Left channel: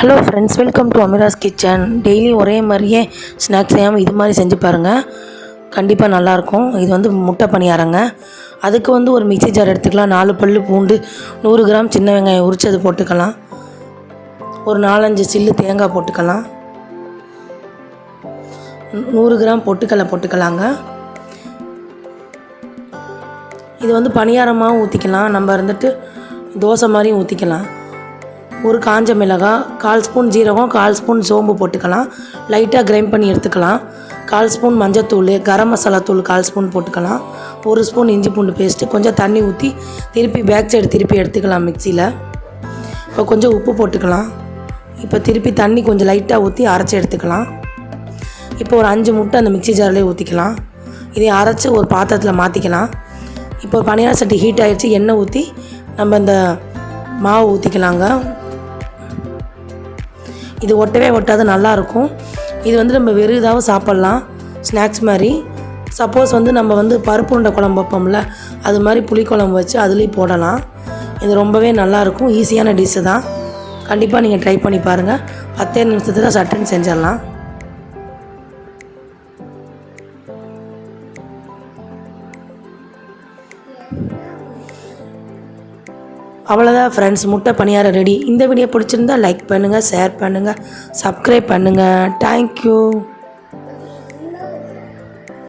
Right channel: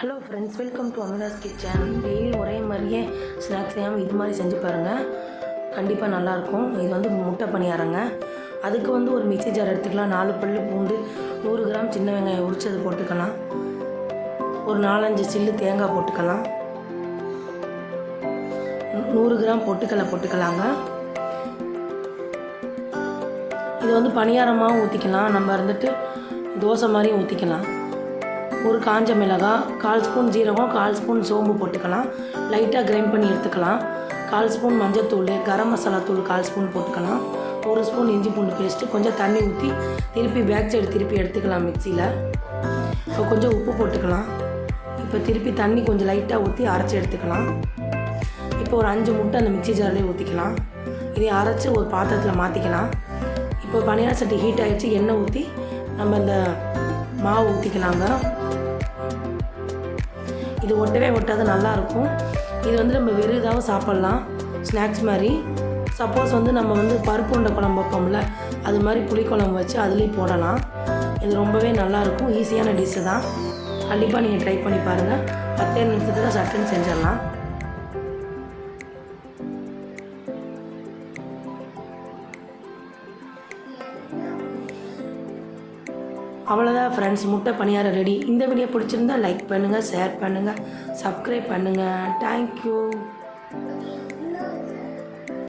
Hello friends, welcome to Amira's kitchen. Daily ஒரே மாதிரியே snacks செய்யாமல் இது மாதிரி செஞ்சு பாருங்கள், கண்டிப்பாக நல்லாயிருக்கும். இது வந்து முட்டை பணியாரங்க. அதுக்கு வந்து ஒரு மிக்ஸி ஜார் எடுத்துக்கலாம். 4 பல்லு பூண்டு, 100 கிராம் சின்ன வெங்காயம் உரிச்சது போட்டுக்கலாம். ஒரு 4-5 சில்லு தேங்காய் போட்டுக்கலாம். 100 கிராம் பொட்டுக்கடலை போட்டுக்கலாங்க. இது வந்து பணியாரமாகவும் ஊற்றிக்கலாம், நம்ம இருந்துட்டு தோசை மாதிரியும் ஊற்றிக்கலாம். ஒரு காஞ்ச மிளகாய், 1/4 ஸ்பூன் ஜீரகம், 1/4 ஸ்பூன் சோம்பு போட்டுக்கலாம். லைட்டாக கிரைண்ட் பண்ணி எடுத்துக்கலாம். 1/4 ஸ்பூன் மஞ்சத்தூள், கரம் மசாலா தூள் 1/4 ஸ்பூன் போட்டுக்கலாம். 1 ஸ்பூன் இஞ்சி பூண்டு பேஸ்ட்டு, கொஞ்சம் தண்ணி ஊற்றி திருப்பி பேக் சைடு திருப்பி எடுத்துக்கலாம் மிக்சியில். இப்போ கொஞ்சம் உப்பு போட்டுக்கலாம். இப்போ திருப்பி தண்ணி கொஞ்சம் லைட்டாக ஊற்றி அரைச்சி எடுத்துக்கலாம். இப்போ ஒரு 5 முட்டை அந்த மிக்ஸி ஜார்லேயே ஊற்றிக்கலாம். இதை அரைச்சி ஒரு பாத்திரத்தில் மாற்றிக்கலாம். இப்போ பணியார சட்டி ஹீட் ஆகிடுச்சு. எண்ணெய் ஊற்றி நம்ம இந்த மாவு ஊற்றிக்கலாங்க. இது ஒட்டவே ஒட்டாது, நல்லாயிருக்கும். இது வந்து நம்ம வெறும் இதாகவும் சாப்பிட்லாம், ஸ்நாக்ஸ் மாதிரி. சப்போஸ் வந்து நம்ம வந்து பருப்பு உருண்டை குழம்பு வைப்போம்ல, அது மாதிரி புளிக்குழம்பு வச்சு அதுலேயும் போடலாம். இது ரொம்பவே நல்லாயிருக்கும். ஈஸியான டிஷ்ஷு தான். கண்டிப்பாக நீங்கள் ட்ரை பண்ணி பாருங்கள். 10 நிமிஷத்துக்கு சட்டுன்னு செஞ்சிடலாம். அவ்வளோதான் ஃப்ரெண்ட்ஸ், முட்டை பணியாரம் ரெடி. இந்த வீடியோ பிடிச்சிருந்தா லைக் பண்ணுங்கள், ஷேர் பண்ணுங்கள், சப்ஸ்கிரைப் பண்ணுங்கள். தேங்க்யூ.